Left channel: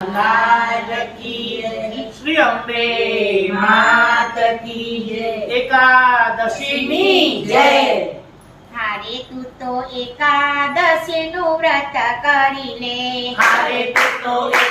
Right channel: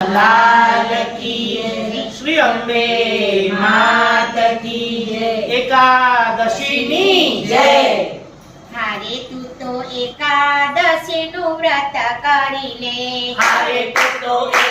लाल की श्री अम्बे मात की जय। एकादशिनी जय। हरे तू तो एकादशी नु व्रत करी ले हरे तू तो एक...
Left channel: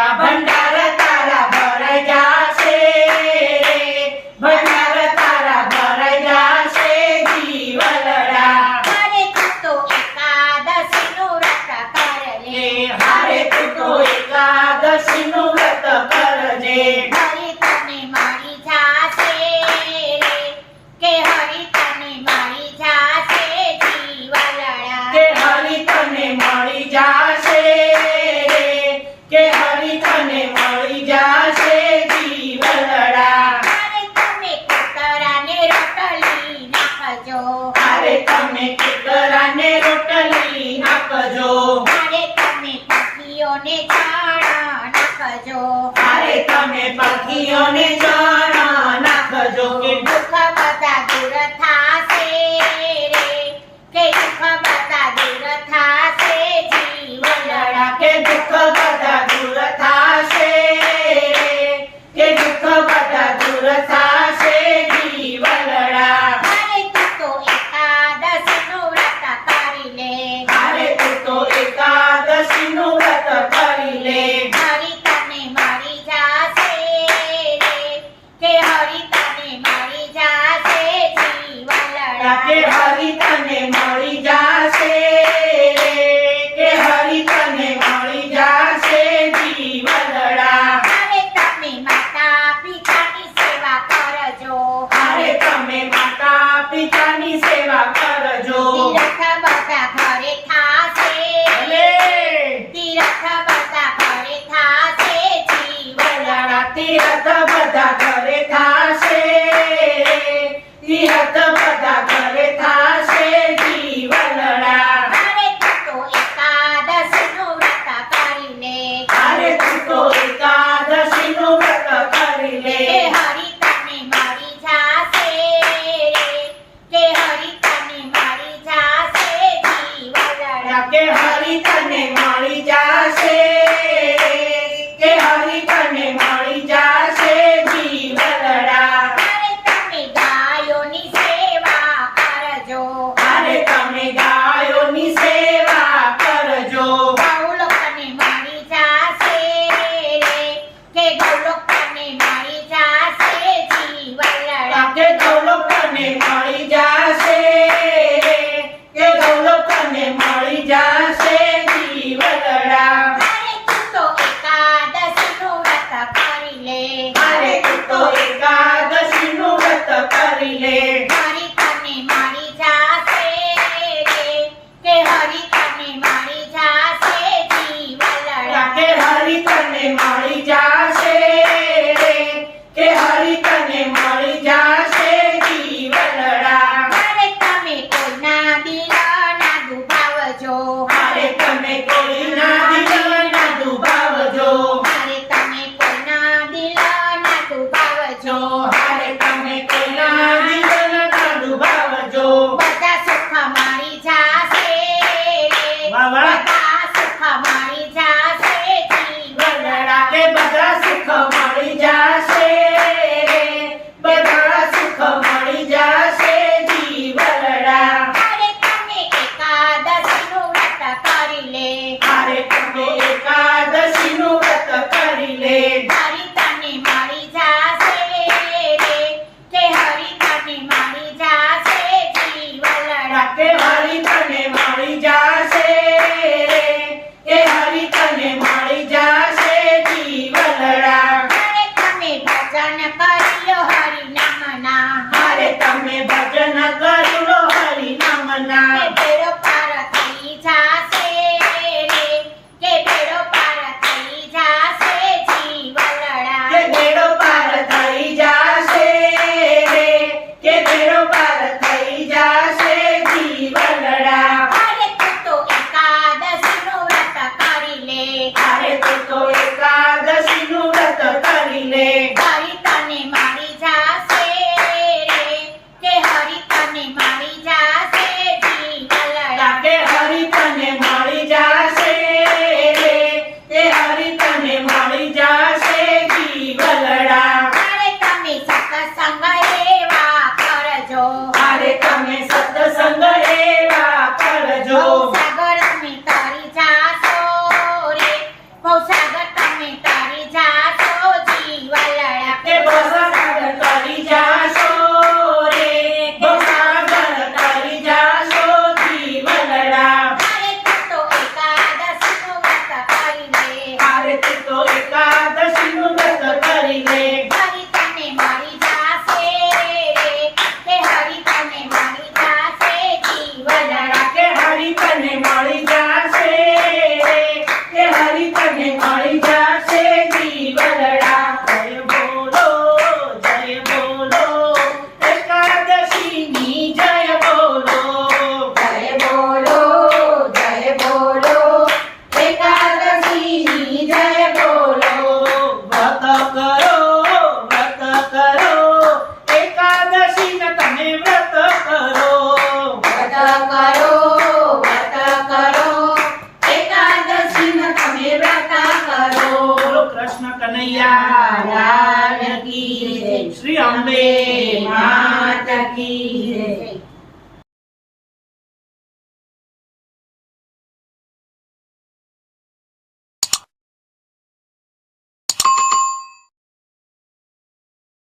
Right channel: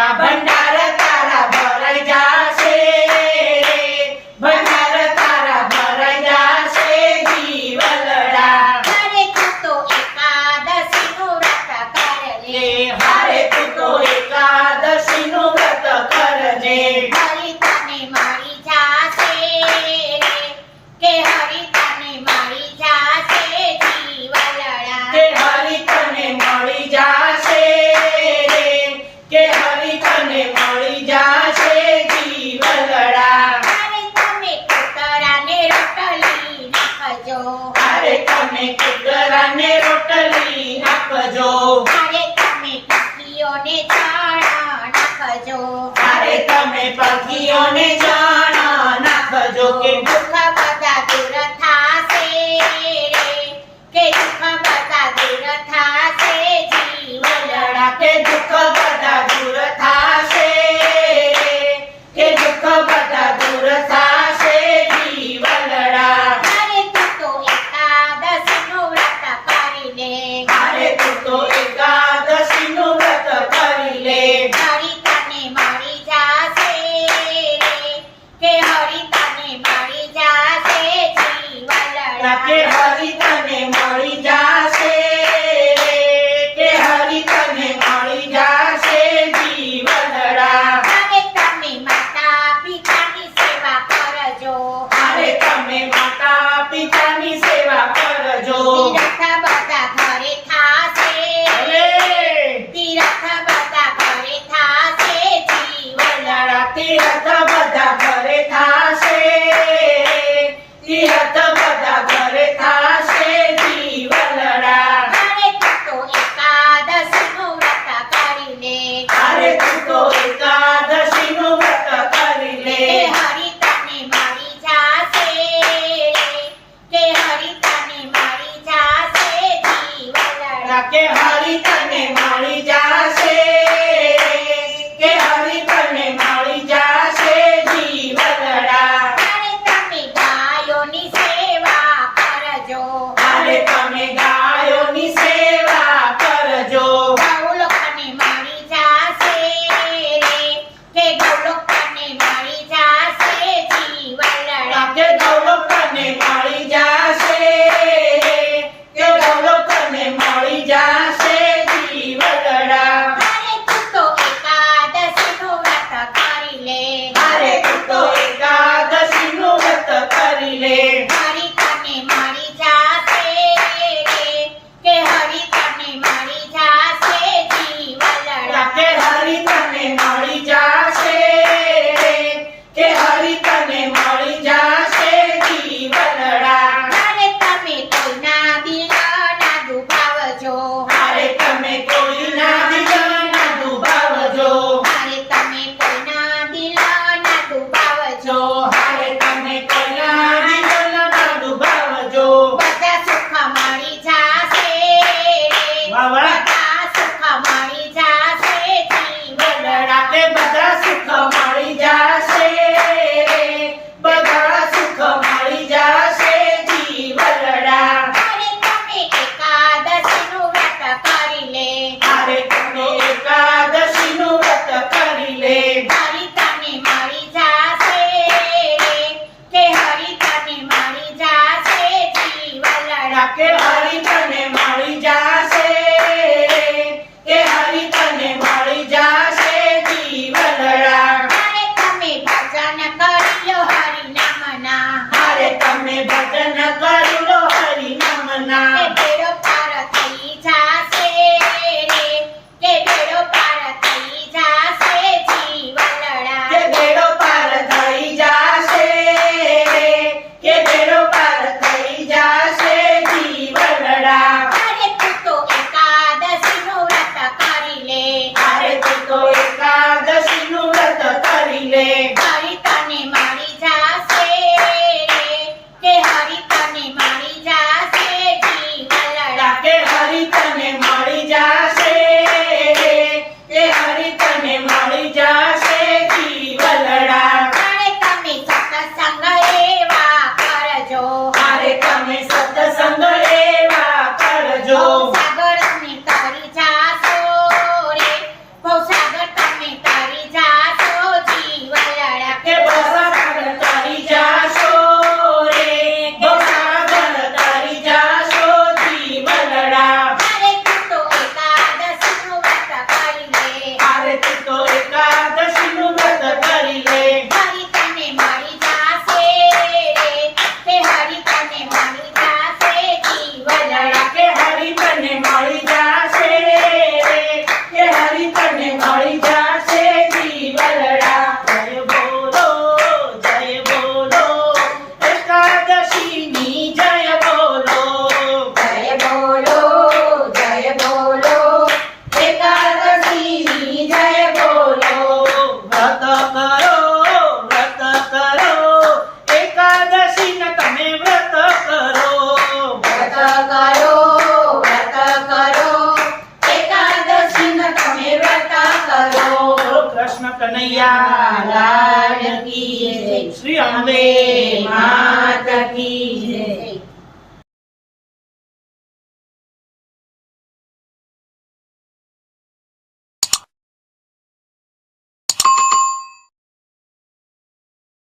તારા ભંડાર ભંડાર તારા ભરાઈ જાશે જીવલડા. હારે તું તો એકાદશી નું લે. હારે તું તો એકા તમે કૂતરાને રોટલી આપજો. અને તમે પક્ષીઓને કે હરી તને મળી જાશે જશે जाके हरी 해요. Prema.